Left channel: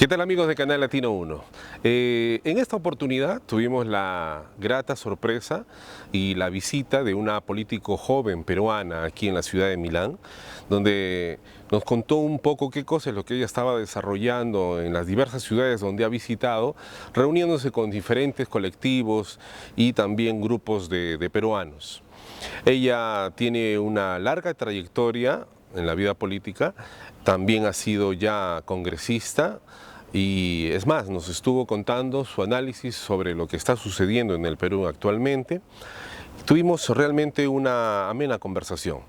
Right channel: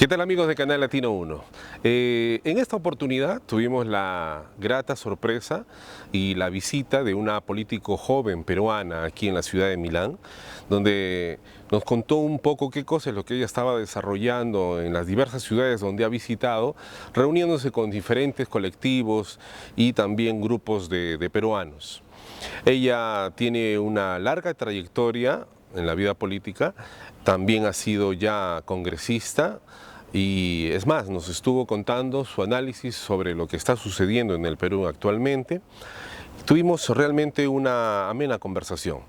¿Qué tal, amigos de Canal Latino 1? En esta oportunidad tuvimos la grata sorpresa y la visita de una político joven peruana aquí en la ciudad de Milán, donde nos contó un poco qué cosa es lo que ella estaba desarrollando en las diversas ciudades donde ha visitado, reuniéndose con diferentes colectivos y también grupos de peruanos. Ella tiene una larga trayectoria en la vida política, también ha sido ya congresista y es más, nos estuvo contando su análisis sobre lo que está sucediendo en el Perú actualmente. Tuvimos realmente una amena conversación.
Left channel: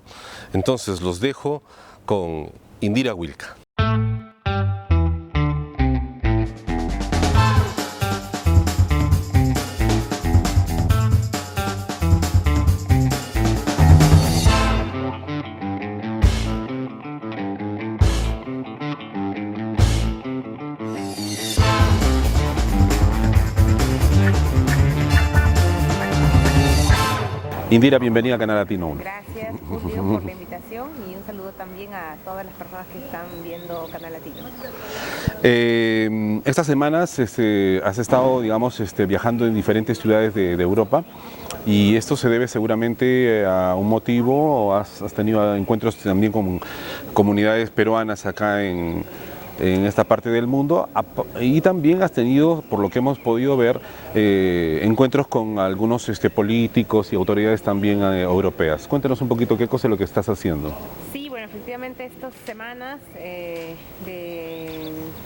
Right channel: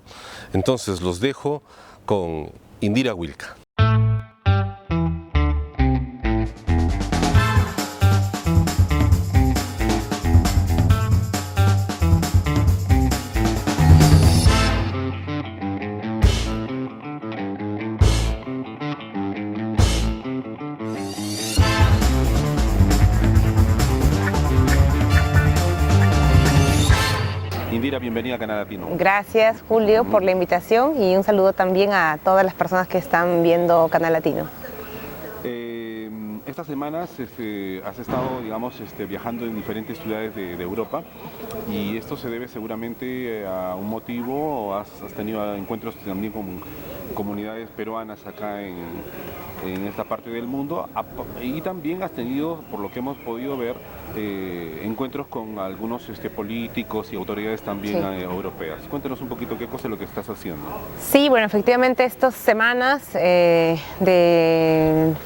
Entonces los dejo con Indira Wilca. Indira, bienvenida a Canal Latino. Gracias, Julio, por la invitación y un saludo también a todas las personas que están viendo Canal Latino. Estas semanas has estado, digamos, viajando en diferentes ciudades de Europa, y esto se debe seguramente a un motivo, o has tenido encuentros también con comunidades peruanas acá en esta parte del mundo, y también has tenido, por lo que hemos podido ver, encuentros con algunos políticos y autoridades también europeas. Cuéntanos un poquito qué cosa es lo que estás haciendo. Sí, bueno, efectivamente estas semanas de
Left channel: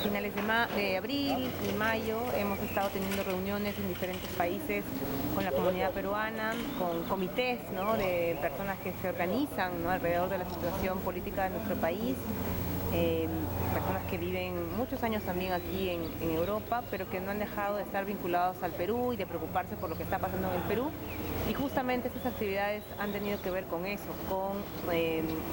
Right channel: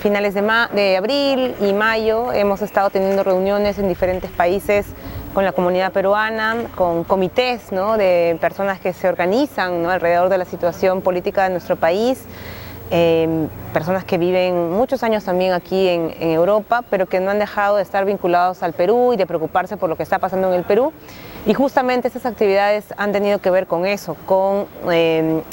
finales de abril y mayo hemos estado teniendo reuniones en diferentes países con la comunidad peruana, con comités, ¿no?, de personas que se organizan, ¿no?, alrededor de la situación política de nuestro país. Personas que viven muchos años también aquí en Europa, pero que no han dejado de estar vinculados al Perú y de preocuparse por lo que está pasando en el Perú. Y justamente estas actividades han tenido que ver con eso, con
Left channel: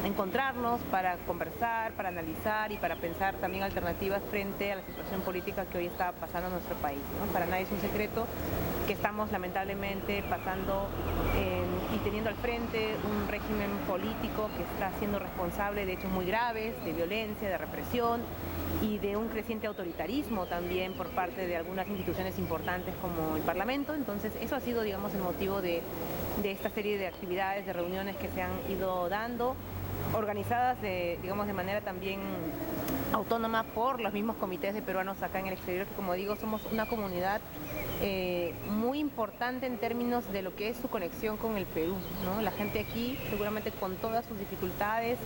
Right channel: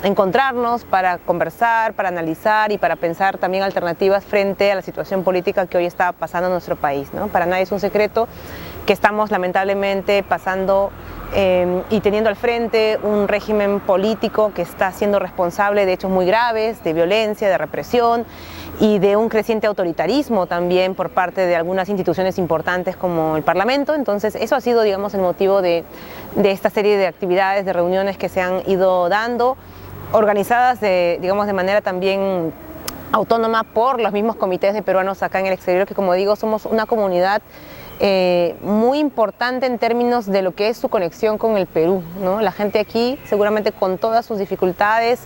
encontrarnos para conversar, para analizar y para pensar también alternativas frente a la situación política que hoy está pasando en nuestro país, ¿no? Para nadie es un secreto que estamos lamentablemente pasando y teniendo al frente un régimen político que está siendo responsable de hechos muy graves, de violencia, de represión y de un creciente autoritarismo también por parte de algunas instituciones importantes como el Parlamento. Entonces eso ha sido, digamos, el motivo de esta serie de actividades, de reuniones que se han ido dando, organizadas digamos, de manera también autónoma por los mismos comités de peruanos acá en el exterior, que, como digo, somos una comunidad muy importante en términos de lo que es su conexión con el Perú, ¿no? La gente aquí, seguramente con todas sus dificultades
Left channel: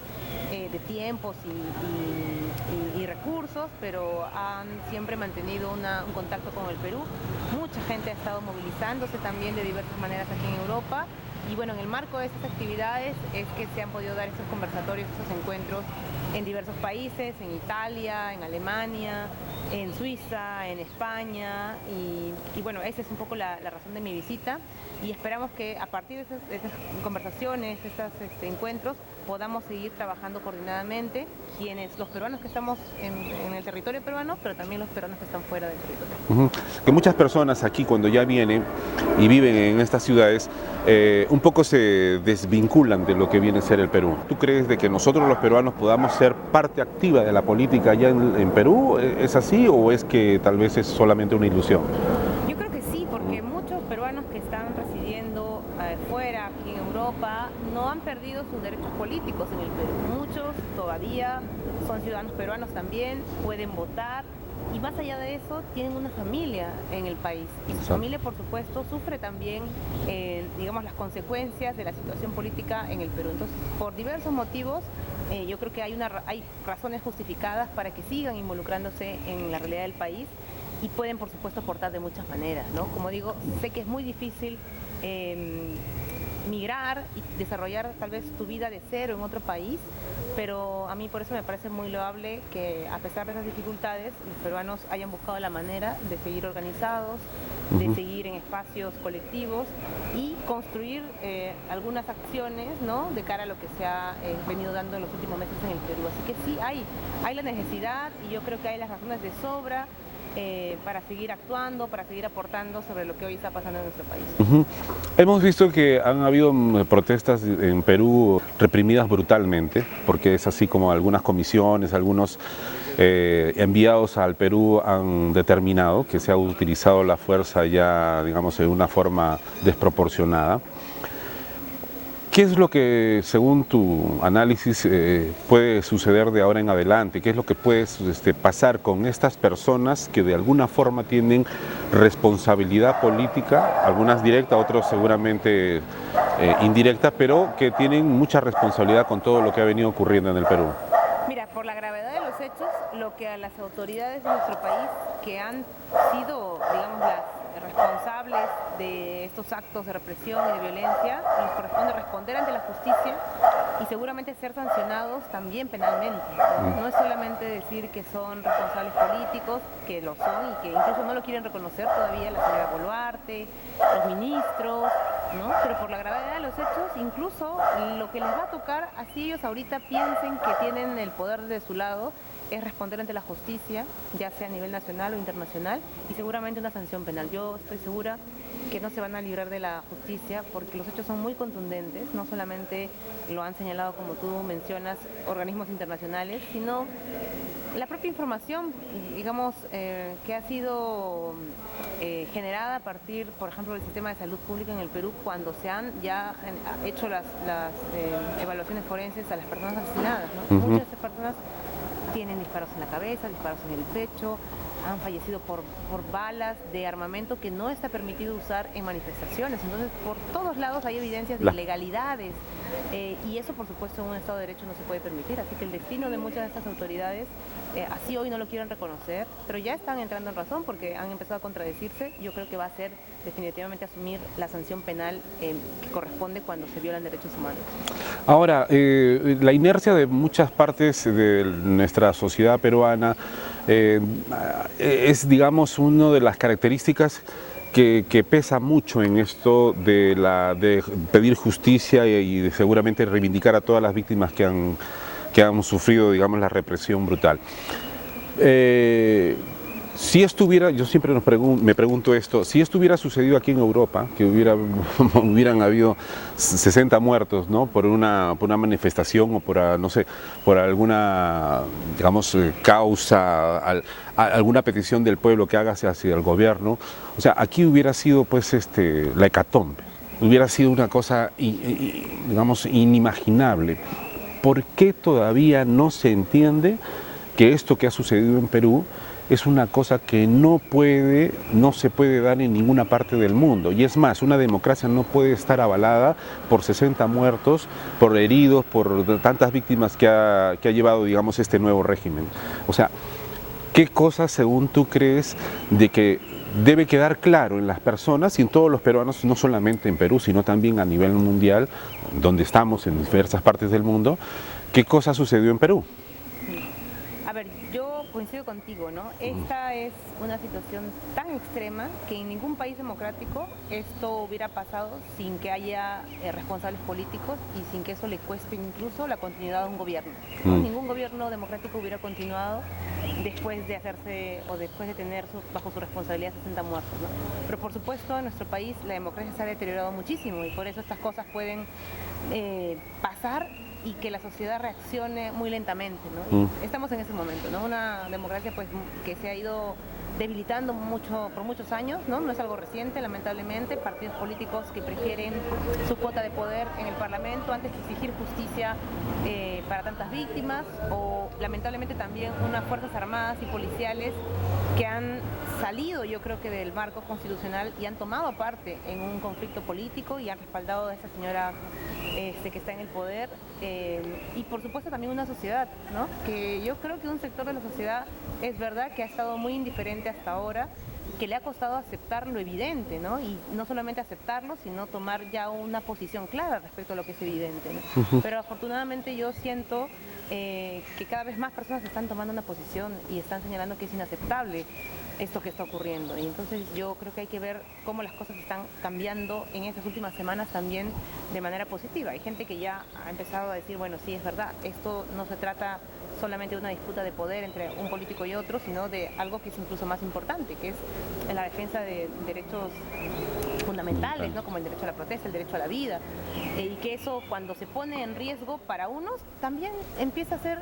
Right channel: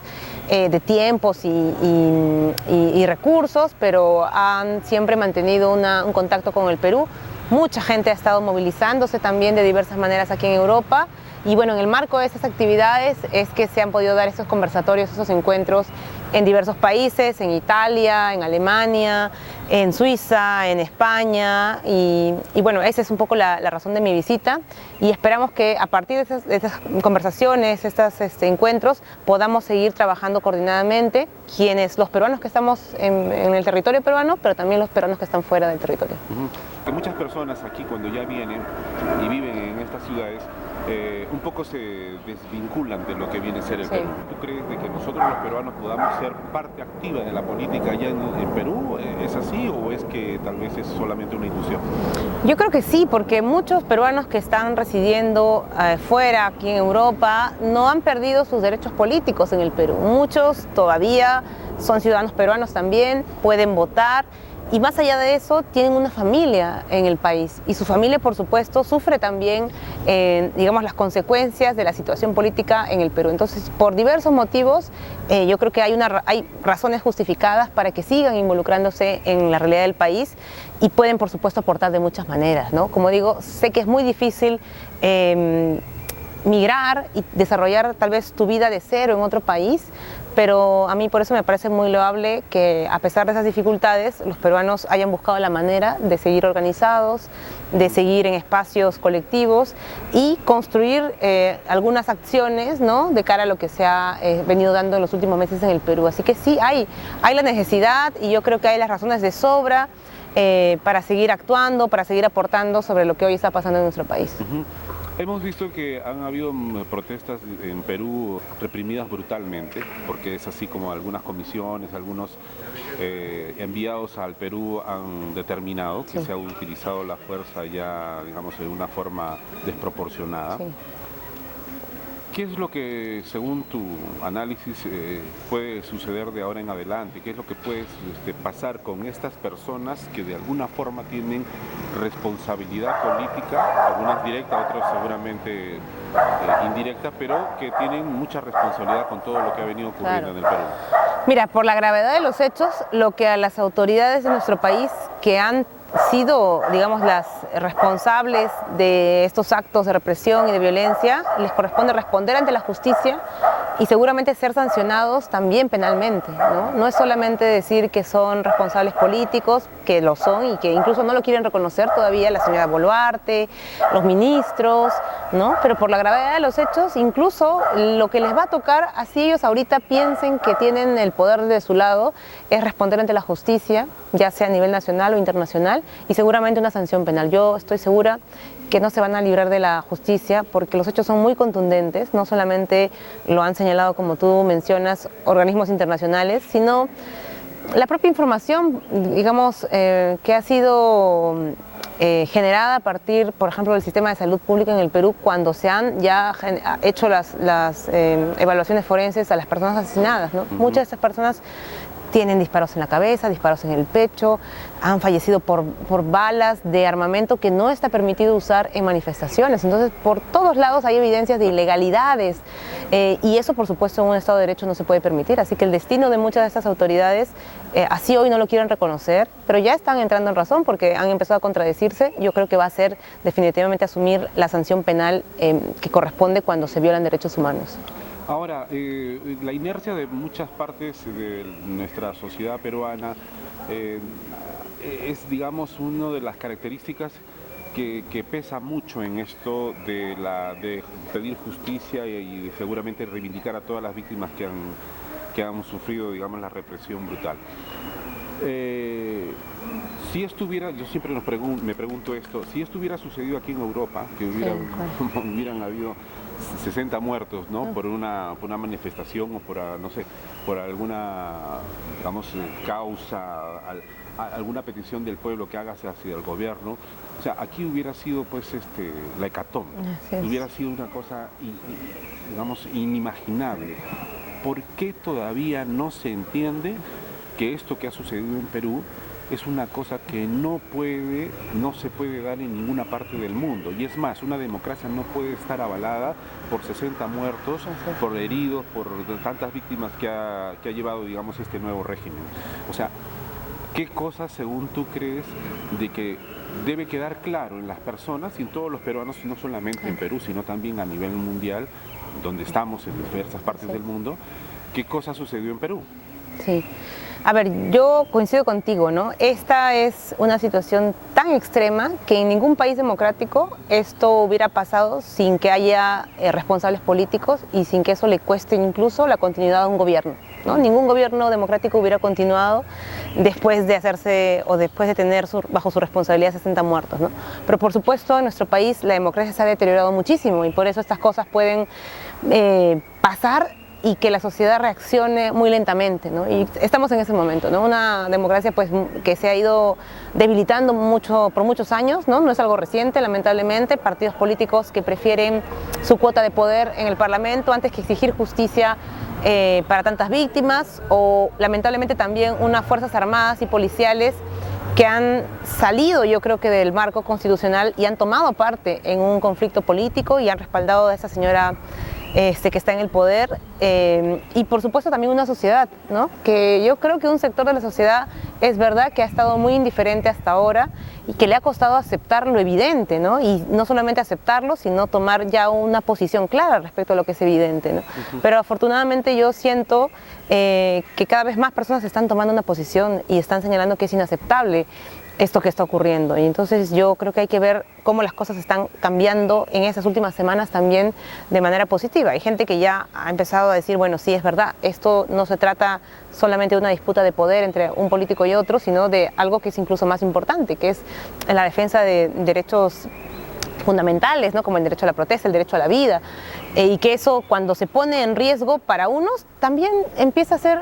de tiempos y recursos, pero han siempre mantenido un contacto con el Perú. Mucha gente ha estado movilizándose también de diversas maneras aquí en Europa. Y bueno, en el marco de estas actividades es que se han podido dar estos conversatorios, estos encuentros en diversos países, en Italia, en Alemania, en Suiza, en España, y bueno, esa es un poco la razón de mi visita, y esperamos que a partir de estas conversaciones, estos encuentros, podamos seguir trabajando coordinadamente, los peruanos que estamos en el territorio peruano, pero también los peruanos que están fuera del territorio. Que muchas personas aquí, cuando ya vienen y viven en estas ciudades, un poco se desvinculan de lo que viene a ser el Perú. ¿Tú crees de que nosotros los peruanos podamos ser parte activa de la política allá en Perú? ¿Es así o es que tal vez es solamente una ilusión? Yo creo que sí, porque muchos peruanos que están residiendo fuera, aquí en Europa, no han perdido sus derechos políticos en el Perú. Muchos todavía son ciudadanos peruanos también, pueden votar. Y más allá de eso, tienen una familia en el país, y su familia, por supuesto, sufre también, digamos, las consecuencias de la situación política en el Perú. Entonces, por diversos motivos, yo creo que hay razones justificadas para que sigan involucrándose en la realidad del país, y pueden, por supuesto, aportar de muchas maneras, ¿no? Como digo, sé que es muy difícil migrar y desarrollar tal vez tu vida de cero en otro país, pero a mí por eso me parece muy loable que, a pesar de esas dificultades, los peruanos hayan buscado la manera de seguir organizados, de seguir en espacios colectivos y construir algunas acciones, ¿no?, de cara a lo que se ha venido dando en los últimos meses en el Perú. Así que sí, hay la necesidad, y yo creo que hay las razones de sobra para seguir actuando, para seguir aportando sobre lo que hoy está pasando en nuestro país. Hemos visto que han habido protestas en Perú reprimidas brutalmente, porque es así como algunas comisiones, algunos enviados al Perú han determinado que se ha utilizado la fuerza ya, digamos, de una forma desproporcionada. ¿Qué es lo que, según tu análisis, puede suceder de ahora en adelante? ¿Qué es lo que puede pasar con estas personas que de alguna forma tienen responsabilidad política, algunas directa, otros seguramente indirecta, pero que tienen mucha responsabilidad con todo lo que ha venido ocurriendo en el Perú? Mira, por la gravedad de los hechos, lo que a las autoridades de nuestro país que han sido, digamos, las responsables de estos actos de represión y de violencia, les corresponde responder ante la justicia y seguramente ser sancionados también penalmente, ¿no? No es solamente decir que son responsables políticos, que lo son y que incluso no lo quieren reconocer todavía la señora Boluarte, los ministros, ¿no? Pero por la gravedad de los hechos, incluso lo que les va a tocar, así ellos ahorita piensen que tienen el poder de su lado, es responder ante la justicia, ya sea a nivel nacional o internacional, y seguramente una sanción penal. Yo estoy segura que no se van a librar de la justicia porque los hechos son muy contundentes, no solamente lo han señalado, como tú mencionas, organismos internacionales, sino la propia información, digamos, que ha sido generada a partir, por ejemplo, del sistema de salud pública en el Perú, cuando se han ya hecho las evaluaciones forenses a las personas asesinadas, ¿no? Muchas de estas personas tienen disparos en la cabeza, disparos en el pecho, han fallecido por balas de armamento que no está permitido usar en manifestaciones. Entonces, por todos lados hay evidencias de ilegalidades y eso, por supuesto, en un Estado de Derecho no se puede permitir. Así que el destino de muchas de estas autoridades, así hoy no lo quieren reconocer, pero ya están entrando en razón porque han empezado a contradecirse. Yo creo que va a ser definitivamente asumir la sanción penal que corresponde cuando se violan derechos humanos. Ahora, la inercia de muchas partes de nuestra sociedad peruana es, digamos, una de las características que pesa mucho en esto de pedir justicia y de seguramente reivindicar a todas las víctimas que han sufrido, digamos, la represión brutal. Si estuviera, yo siempre me pregunto esto, si esto hubiera sucedido aquí en Europa, que hubieran habido 60 muertos, ¿no? por una manifestación o por, no sé, por alguna, digamos, causa, alguna petición del pueblo que haga hacia el gobierno, o sea, aquí hubiera sido pues la hecatombe, hubiera sido una cosa, digamos, inimaginable. ¿Por qué todavía no se entiende que esto que ha sucedido en Perú es una cosa que no se puede dar en ninguna parte del mundo? Y es más, una democracia no puede estar avalada por 60 muertos, por heridos, por tantas víctimas que ha llevado, digamos, este nuevo régimen. O sea, ¿qué cosas, según tú, crees de que debe quedar claro en las personas y en todos los peruanos, no solamente en Perú, sino también a nivel mundial, donde estamos en diversas partes del mundo, qué cosa sucedió en Perú? Sí. A ver, yo coincido contigo, ¿no? Esta es una situación tan extrema que en ningún país democrático esto hubiera pasado sin que haya responsables políticos y sin que eso le cueste incluso la continuidad a un gobierno, ¿no? Ningún gobierno democrático hubiera continuado después de hacerse o después de tener bajo su responsabilidad 60 muertos, ¿no? Pero por supuesto en nuestro país la democracia se ha deteriorado muchísimo y por eso estas cosas pueden pasar y que la sociedad reaccione muy lentamente, ¿no? Y estamos en ese momento, ¿no? Una democracia pues que se ha ido debilitando mucho por muchos años, ¿no? No es algo reciente, lamentablemente, partidos políticos que prefieren su cuota de poder en el Parlamento antes que exigir justicia para tantas víctimas, o lamentablemente también unas fuerzas armadas y policiales que han salido, yo creo que del marco constitucional y han tomado parte en un conflicto político y han respaldado a esa señora que está en el poder, y por supuesto también una sociedad, ¿no? Que yo creo que un sector de la sociedad es verdad que ha estado muy indiferente hasta ahora y que le ha costado aceptar lo evidente, ¿no? Y no solamente aceptarlo, sino tomar ya una posición clara respecto a lo que es evidente, ¿no? Pero afortunadamente yo siento que cada vez más personas están tomando una posición y están señalando que es inaceptable esto que está ocurriendo. Y entonces yo creo que hay que ver cómo las cosas están cambiando en esas últimas semanas también de manera positiva. Hay gente que ya ha empezado a decir, bueno, sí, es verdad, esto no se trata solamente de una disputa de poder entre un político y otro, sino de algo que es incluso más importante, que es la defensa de derechos fundamentales, ¿no? Como el derecho a la protesta, el derecho a la vida, y que eso cuando se pone en riesgo para unos, también empieza a ser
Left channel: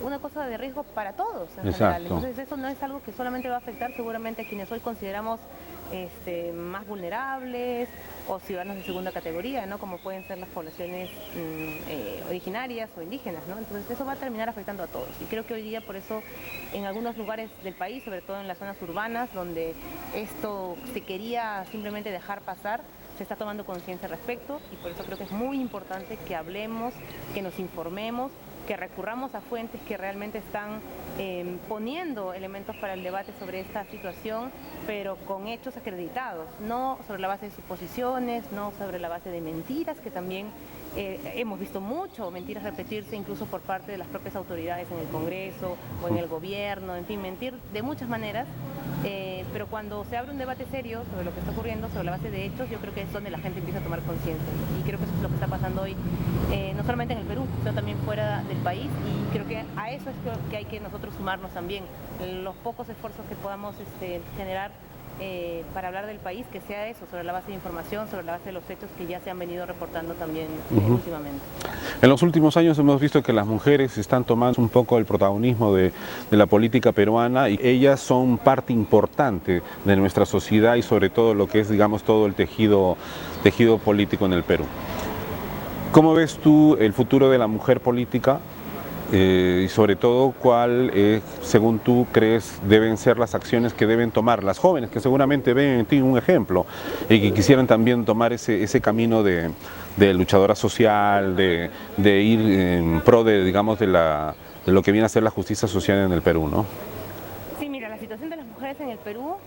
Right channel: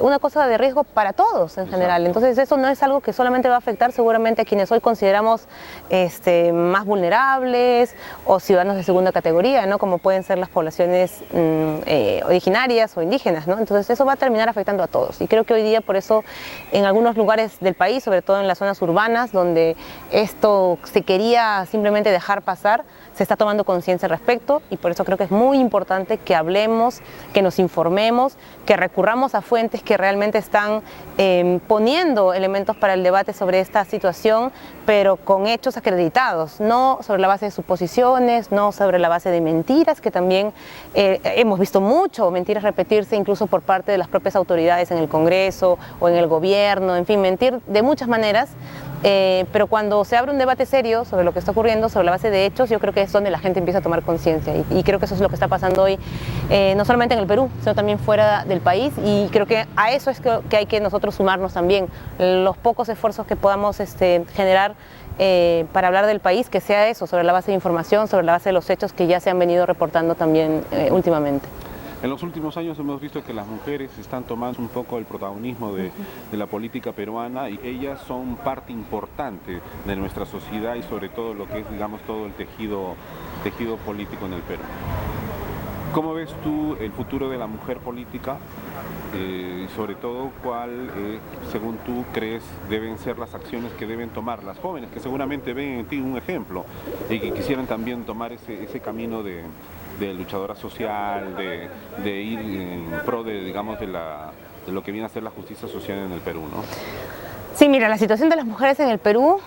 una cosa de riesgo para todos en general. Entonces eso no es algo que solamente va a afectar seguramente a quienes hoy consideramos más vulnerables o ciudadanos de segunda categoría, ¿no? Como pueden ser las poblaciones originarias o indígenas, ¿no? Entonces eso va a terminar afectando a todos, y creo que hoy día por eso en algunos lugares del país, sobre todo en las zonas urbanas, donde esto se quería simplemente dejar pasar, se está tomando conciencia al respecto, y por eso creo que es muy importante que hablemos, que nos informemos, que recurramos a fuentes que realmente están poniendo elementos para el debate sobre esta situación, pero con hechos acreditados, no sobre la base de suposiciones, no sobre la base de mentiras, que también hemos visto mucho mentiras repetirse incluso por parte de las propias autoridades en el Congreso o en el gobierno, en fin, mentir de muchas maneras. Pero cuando se abre un debate serio sobre lo que está ocurriendo, sobre la base de hechos, yo creo que es donde la gente empieza a tomar conciencia, y creo que eso es lo que está pasando hoy, no solamente en el Perú, sino también fuera del país, y creo que a eso es que hay que nosotros sumarnos también, los pocos esfuerzos que podamos generar para hablar del país, que sea eso, sobre la base de información, sobre la base de los hechos que ya se han venido reportando también últimamente. En los últimos años hemos visto que las mujeres están tomando un poco el protagonismo de la política peruana, y ellas son parte importante de nuestra sociedad y sobre todo lo que es, digamos, todo el tejido político en el Perú. ¿Cómo ves tú el futuro de la mujer política? Y sobre todo, ¿cuál, según tú crees, deben ser las acciones que deben tomar las jóvenes, que seguramente ven en ti un ejemplo y que quisieran también tomar ese camino de luchadora social, de ir en pro de, digamos, de lo que viene a ser la justicia social en el Perú, ¿no? Sí, mira, la situación de las mujeres en el Perú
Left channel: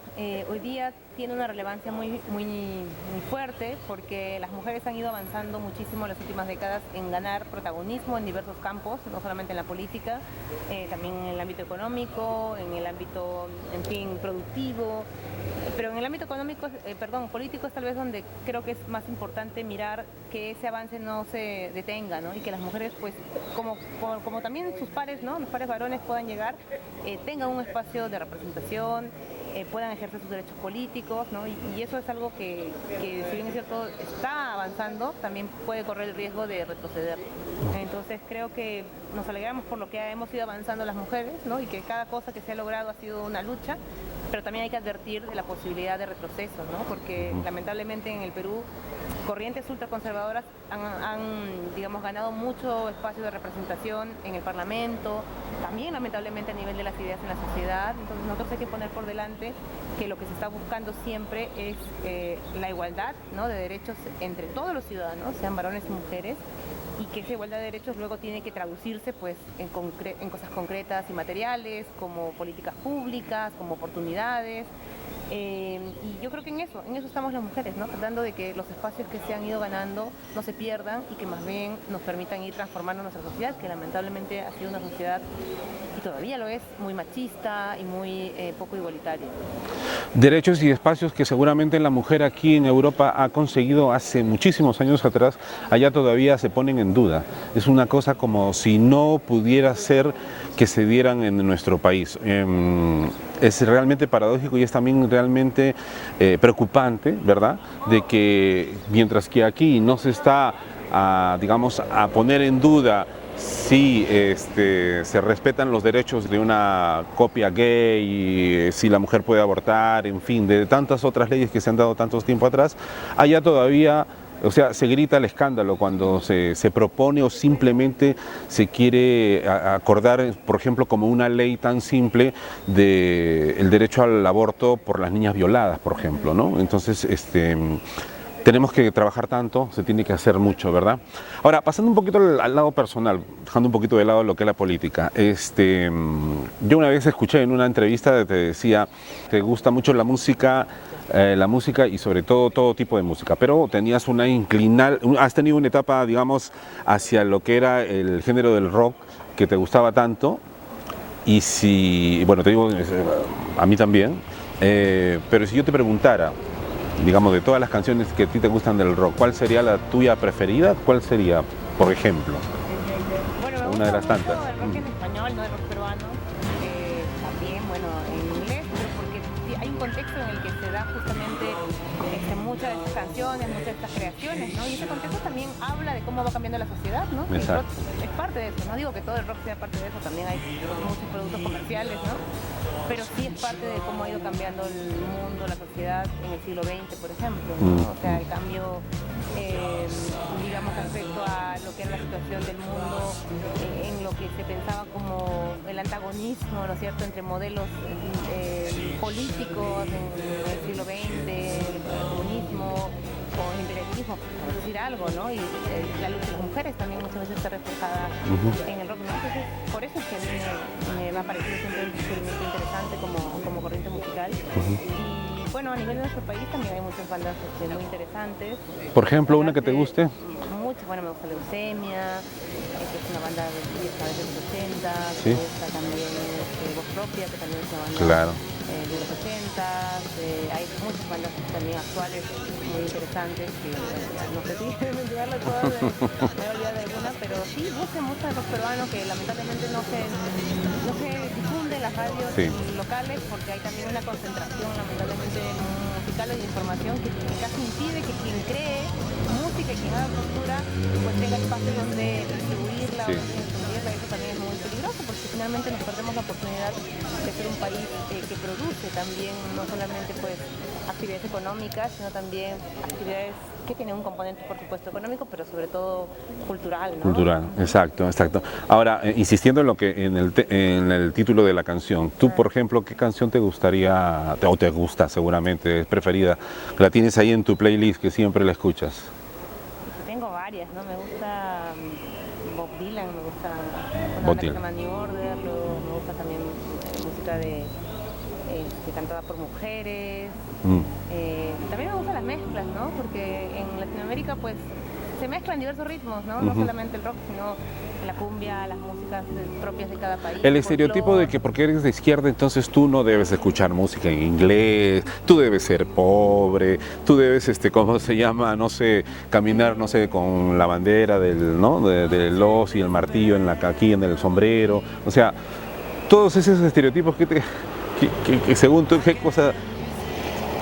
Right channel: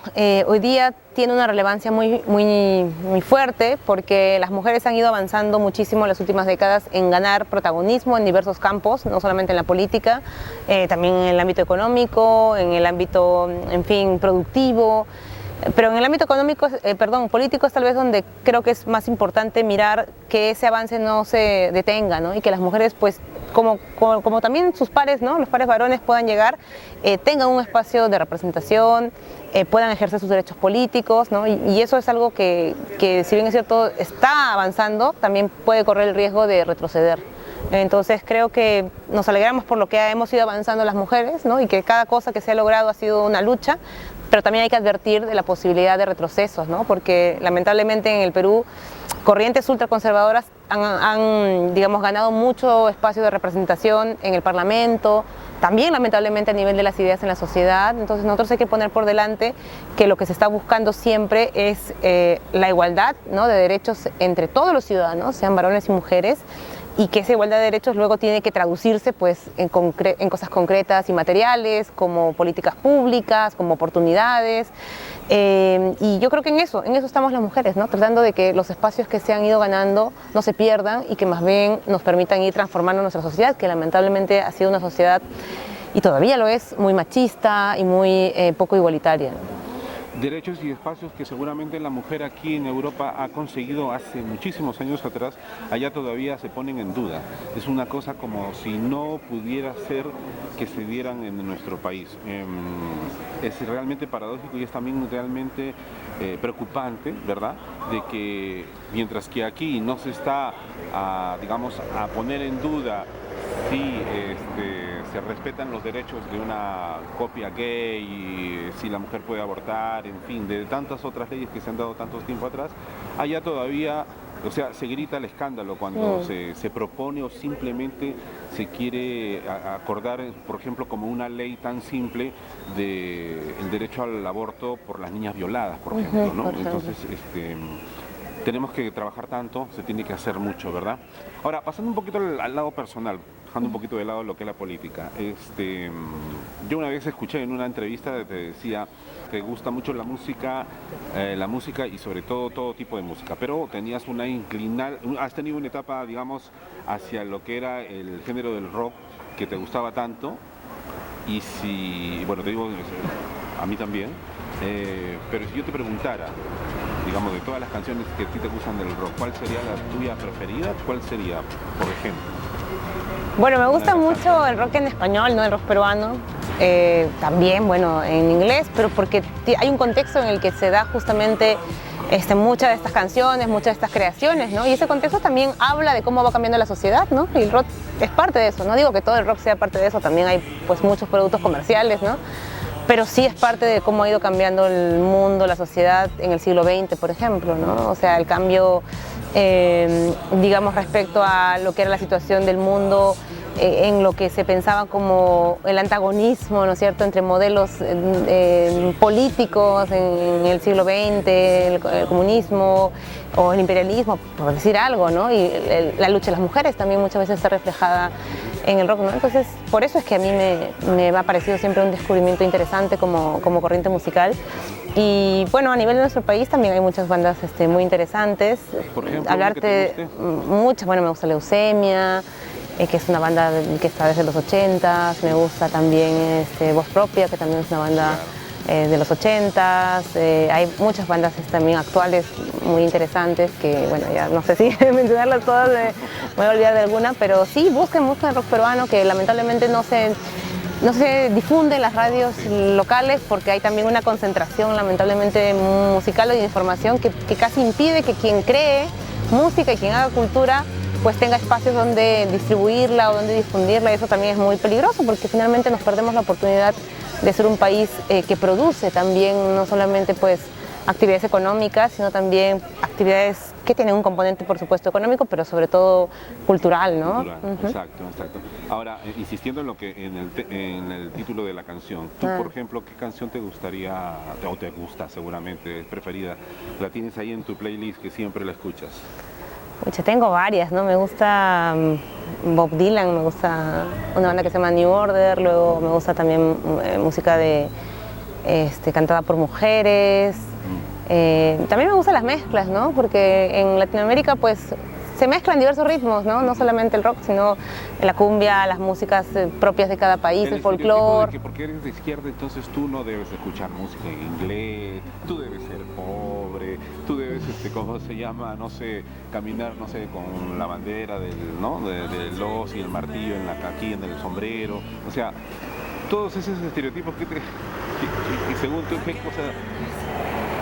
hoy día tiene una relevancia muy fuerte, porque las mujeres han ido avanzando muchísimo en las últimas décadas en ganar protagonismo en diversos campos, no solamente en la política, también en el ámbito económico, en el ámbito, en fin, productivo. Pero en el ámbito político es tal vez donde creo que es más importante mirar que ese avance no se detenga, ¿no? Y que las mujeres, pues, como también sus pares, ¿no? Los pares varones puedan llegar, tengan un espacio de representación, puedan ejercer sus derechos políticos, ¿no? Y eso es algo que, si bien es cierto, está avanzando, también puede correr el riesgo de retroceder. Entonces creo que nos alegramos por lo que hemos ido avanzando las mujeres, ¿no? Y que cada cosa que se ha logrado ha sido una lucha, pero también hay que advertir de la posibilidad de retrocesos, ¿no? Porque lamentablemente en el Perú corrientes ultraconservadoras han, digamos, ganado mucho espacio de representación en el Parlamento, también lamentablemente a nivel de las ideas en la sociedad. Entonces nosotros hay que poner por delante que lo que se está buscando siempre es la igualdad, ¿no? De derechos entre todos los ciudadanos, sean varones y mujeres, y que esa igualdad de derechos luego tiene que traducirse, pues, en cosas concretas y materiales, como políticas públicas, como oportunidades. Y yo creo que en eso estamos las mujeres, ¿no? Tratando de que los espacios que se han ido ganando no se pierdan, y que más bien nos permitan ir transformando nuestra sociedad, que lamentablemente ha sido una sociedad, y todavía lo es, muy machista y muy poco igualitaria. Derechos y espacios que seguramente la mujer aquí en Europa ha conseguido hace muchísimos años atrás, allá todavía se ponen en duda. Es una cosa como si no pudiera ser que se dieran en nuestro país. Es realmente paradójico y es también realmente preocupante, ¿verdad? De que mientras que aquí no se está, digamos, a poner en duda si se respetan los derechos de una copia gay, si la mujer puede abortar, en fin, de tantas otras leyes que se han dado tanto tiempo atrás, allá todavía, o sea, se grita el escándalo cuando se propone o simplemente se quiere acordar, por ejemplo, como una ley tan simple del derecho al aborto por las niñas violadas, por ejemplo, ¿no? Entonces, tenemos que trabajar tanto, se tiene que hacer mucho, ¿verdad? Ahora, pasando un poquito al lado personal, dejando un poquito de lado lo que es la política, yo una vez escuché en una entrevista, te decía, te gusta mucho la música y sobre todo tipo de música, pero tenías has tenido una etapa, digamos, hacia lo que era el género del rock que te gustaba tanto, y bueno, te digo, a mí también, pero si yo te preguntara, digamos, de todas las canciones que a ti te gustan del rock, ¿cuál sería la tuya preferida? ¿Cuál sería, por ejemplo? Bueno, me gusta Una de las mucho tantas. el rock en español, ¿no? El rock peruano. También, bueno, en inglés, pero porque hay un contexto en el que se da justamente muchas de estas canciones, muchas de estas creaciones, ¿no? Y ese contexto también habla de cómo va cambiando la sociedad, ¿no? Y el rock es parte de eso. No digo que todo el rock sea parte de eso, también hay pues muchos productos comerciales, ¿no? Pero sí es parte de cómo ha ido cambiando el mundo, la sociedad en el siglo XX, por ejemplo, ¿no? O sea, el cambio, digamos, respecto a lo que era la situación del mundo, en lo que se pensaba como el antagonismo, ¿no es cierto?, entre modelos políticos en el siglo XX, el comunismo o el imperialismo, por decir algo, ¿no? Y la lucha de las mujeres también muchas veces está reflejada en el rock, ¿no? Entonces, por eso es que a mí me ha parecido siempre un descubrimiento interesante como corriente musical. Y bueno, a nivel de nuestro país también hay muchas bandas muy interesantes. Por ejemplo, una que te guste. Muchas, bueno, me gusta Leucemia, que es una banda que está desde los 80, me gusta también Voz Propia, que también es una banda... Claro. De los 80s, hay muchas bandas también actuales muy interesantes que, bueno, ya no sé si mencionarlas todas, me voy a olvidar de alguna, pero sí, busquen mucho el rock peruano que lamentablemente no se difunde en las radios locales porque hay también una concentración lamentablemente musical y de información que casi impide que quien cree música y quien haga cultura pues tenga espacios donde distribuirla o donde difundirla, y eso también es muy peligroso porque finalmente nos perdemos la oportunidad de ser un país que produce también no solamente pues actividades económicas, sino también actividades que tienen un componente, por supuesto, económico, pero sobre todo cultural, ¿no? Cultural, exacto, exacto. Ahora, insistiendo en lo que en el título de la canción, tú, por ejemplo, ¿qué canción te gustaría, o te gusta seguramente, es preferida, la tienes ahí en tu playlist que siempre la escuchas? Pucha, tengo varias, ¿no? Me gusta Bob Dylan, me gusta una banda que se llama New Order, luego me gusta también música cantada por mujeres. También me gustan las mezclas, ¿no? Porque en Latinoamérica pues se mezclan diversos ritmos, ¿no? No solamente el rock, sino la cumbia, las músicas propias de cada país. El estereotipo de que porque eres de izquierda entonces tú no debes escuchar música en inglés, tú debes ser pobre, tú debes, ¿cómo se llama? No sé, caminar, no sé, con la bandera del, ¿no? del hoz y el martillo aquí en el sombrero. O sea, todos esos estereotipos que según tú, ¿qué cosa,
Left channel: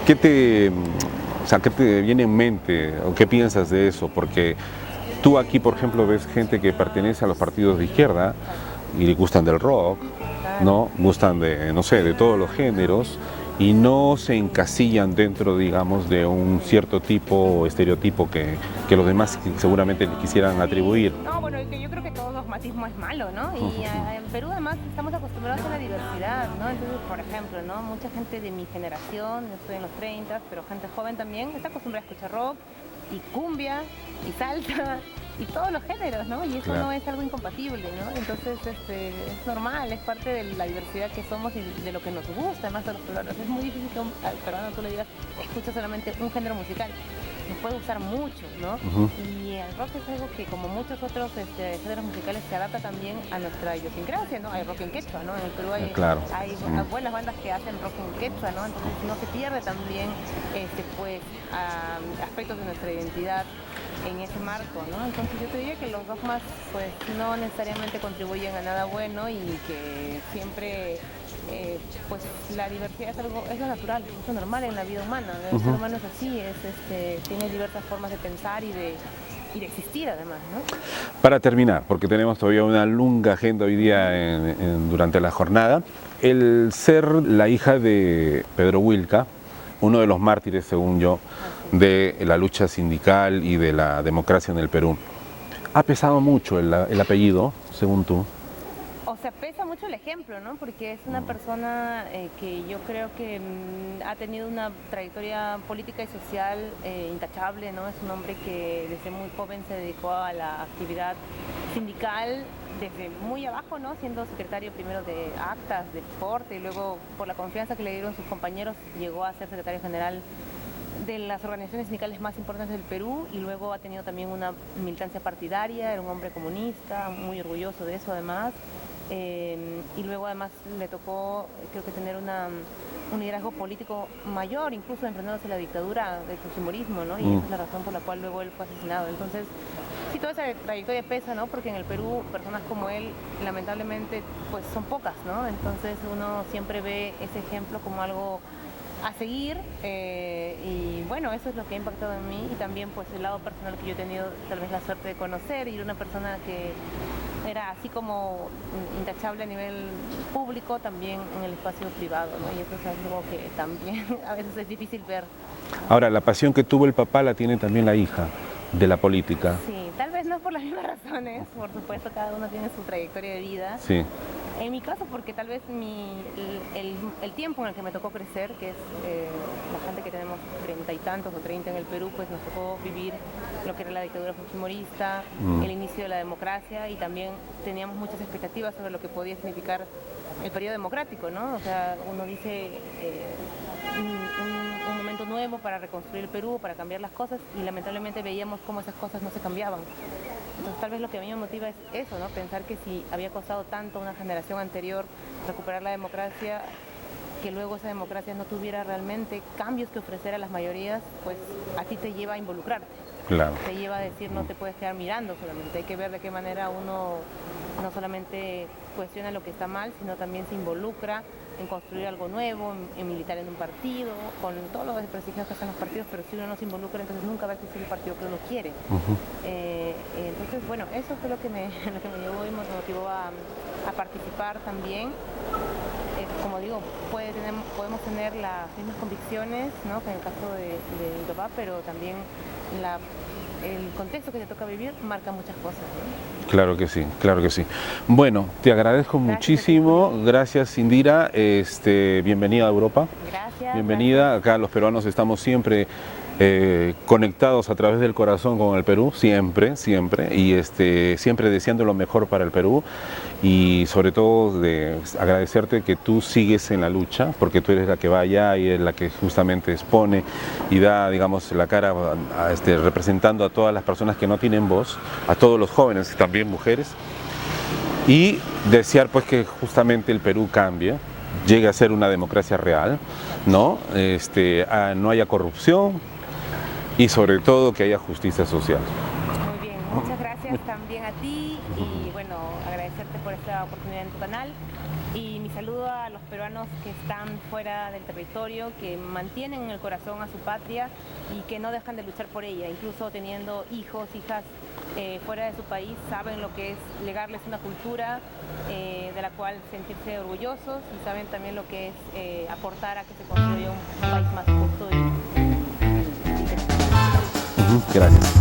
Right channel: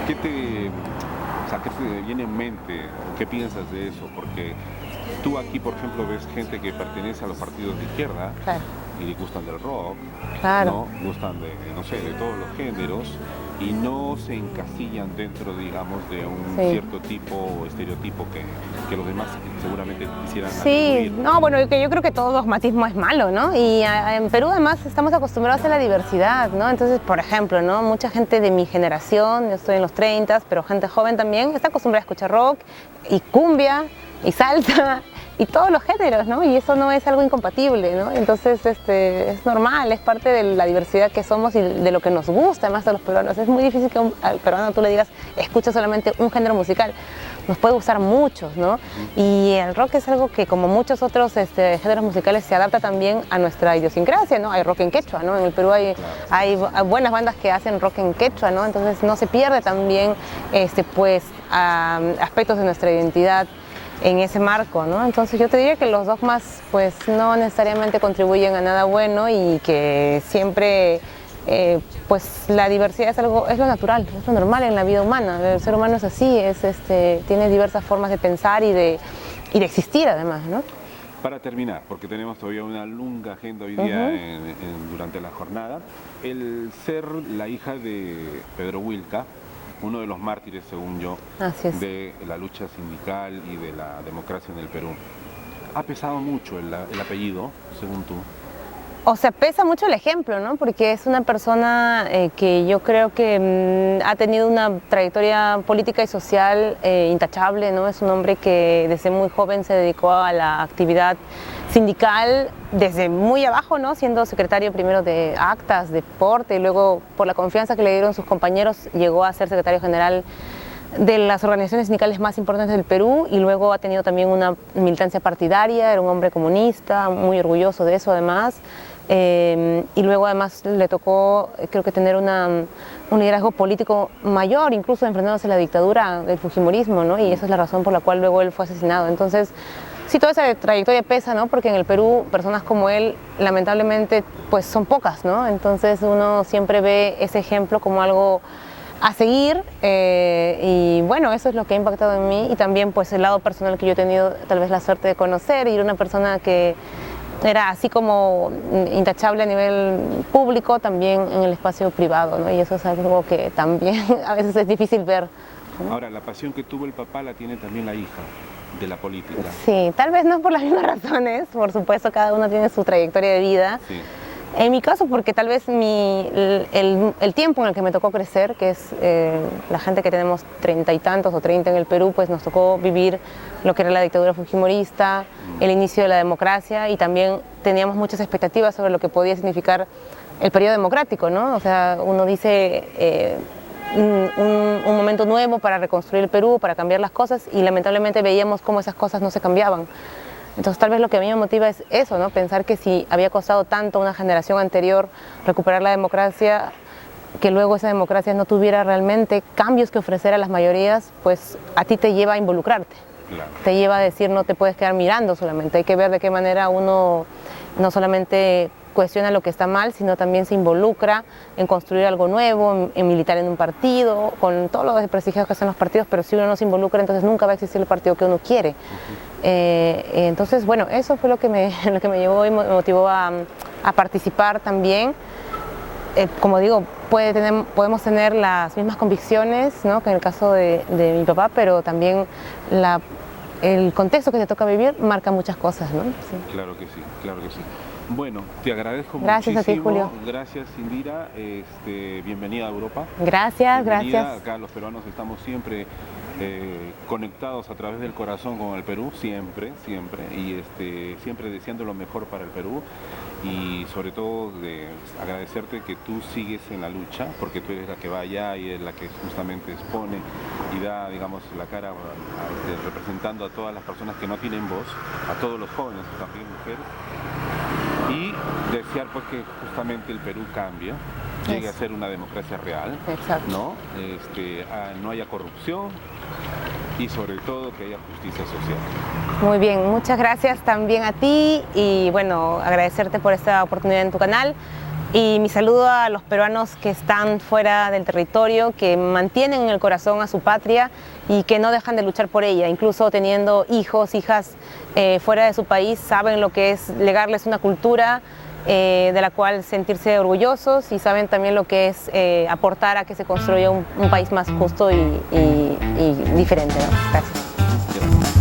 qué te viene en mente o qué piensas de eso? Porque tú aquí, por ejemplo, ves gente que pertenece a los partidos de izquierda y le gustan del rock, ¿no? Gustan de, no sé, de todos los géneros y no se encasillan dentro, digamos, de un cierto tipo o estereotipo que los demás seguramente quisieran atribuir. No, bueno, que yo creo que todo dogmatismo es malo, ¿no? Y en Perú además estamos acostumbrados a la diversidad, ¿no? Entonces, por ejemplo, ¿no? Mucha gente de mi generación, yo estoy en los 30, pero gente joven también, está acostumbrada a escuchar rock y cumbia y salsa y todos los géneros, ¿no? Y eso no es algo incompatible, ¿no? Entonces, es normal, es parte de la diversidad que somos y de lo que nos gusta más a los peruanos. Es muy difícil que al peruano tú le digas, escucha solamente un género musical. Nos puede gustar muchos, ¿no? Y el rock es algo que, como muchos otros géneros musicales, se adapta también a nuestra idiosincrasia, ¿no? Hay rock en quechua, ¿no? En el Perú hay buenas bandas que hacen rock en quechua, ¿no? Entonces no se pierde también, aspectos de nuestra identidad en ese marco, ¿no? Entonces yo te diría que los dogmas pues no necesariamente contribuyen a nada bueno y que siempre pues la diversidad es lo natural, es lo normal en la vida humana. El ser humano es así, tiene diversas formas de pensar y de existir además, ¿no? Para terminar, porque tenemos todavía una larga agenda hoy día durante la jornada, el ser la hija de Pedro Wilca, uno de los mártires, según yo, de la lucha sindical y de la democracia en el Perú. ¿Ha pesado mucho el apellido, según tú? O sea, pesa mucho el ejemplo, ¿no? Porque es una persona que yo creo que ha tenido una trayectoria política y social intachable, ¿no? Es un hombre que desde muy joven se dedicó a la actividad sindical desde muy abajo, ¿no? Siendo secretario primero de actas, deporte, y luego por la confianza que le dieron sus compañeros llegó a ser secretario general de las organizaciones sindicales más importantes del Perú y luego ha tenido también una militancia partidaria, era un hombre comunista, muy orgulloso de eso además. Y luego además le tocó, creo que tener un liderazgo político mayor, incluso enfrentándose a la dictadura del fujimorismo, ¿no? Y esa es la razón por la cual luego él fue asesinado. Entonces, Sí, toda esa trayectoria pesa, ¿no? Porque en el Perú personas como él, lamentablemente, pues son pocas, ¿no? Entonces uno siempre ve ese ejemplo como algo a seguir y bueno, eso es lo que ha impactado en mí y también pues el lado personal que yo he tenido tal vez la suerte de conocer y era una persona que era así como intachable a nivel público, también en el espacio privado, ¿no? Y eso es algo que también a veces es difícil ver, ¿no? Ahora, la pasión que tuvo el papá la tiene también la hija de la política. Sí, tal vez no por las mismas razones, por supuesto cada uno tiene su trayectoria de vida. Sí. En mi caso, porque tal vez el tiempo en el que me tocó crecer, que es la gente que tenemos 30 y tantos o 30 en el Perú, pues nos tocó vivir lo que era la dictadura fujimorista, el inicio de la democracia y también teníamos muchas expectativas sobre lo que podía significar el periodo democrático, ¿no? O sea, uno dice un momento nuevo para reconstruir el Perú, para cambiar las cosas y lamentablemente veíamos cómo esas cosas no se cambiaban. Entonces tal vez lo que a mí me motiva es eso, ¿no? Pensar que si había costado tanto a una generación anterior recuperar la democracia, que luego esa democracia no tuviera realmente cambios que ofrecer a las mayorías, pues a ti te lleva a involucrarte. Claro. Te lleva a decir no te puedes quedar mirando solamente, hay que ver de qué manera uno no solamente cuestiona lo que está mal, sino también se involucra en construir algo nuevo, en militar en un partido, con todos los desprestigios que hacen los partidos, pero si uno no se involucra, entonces nunca va a existir el partido que uno quiere. Entonces, bueno, eso fue lo que me llevó y me motivó a participar también. Como digo, podemos tener las mismas convicciones, ¿no? Que en el caso de mi papá, pero también el contexto que te toca vivir marca muchas cosas, ¿no? Sí. Claro que sí, claro que sí. Bueno, te agradezco Gracias muchísimo. a ti, Julio. Gracias, Indira. Bienvenida a Europa. Gracias, Bienvenida. gracias. Acá los peruanos estamos siempre conectados a través del corazón con el Perú, siempre, siempre. Y siempre deseando lo mejor para el Perú. Y sobre todo de agradecerte que tú sigues en la lucha, porque tú eres la que va allá y es la que justamente expone y da, digamos, la cara representando a todas las personas que no tienen voz, a todos los jóvenes, también mujeres, y desear pues que justamente el Perú cambie, llegue a ser una democracia real, ¿no? No haya corrupción y sobre todo que haya justicia social. Muy bien, muchas gracias también a ti y bueno, agradecerte por esta oportunidad en tu canal y mi saludo a los peruanos que están fuera del territorio, que mantienen en el corazón a su patria y que no dejan de luchar por ella, incluso teniendo hijos, hijas fuera de su país, saben lo que es legarles una cultura de la cual sentirse orgullosos y saben también lo que es aportar a que se construya un país más justo y diferente. Gracias. Gracias.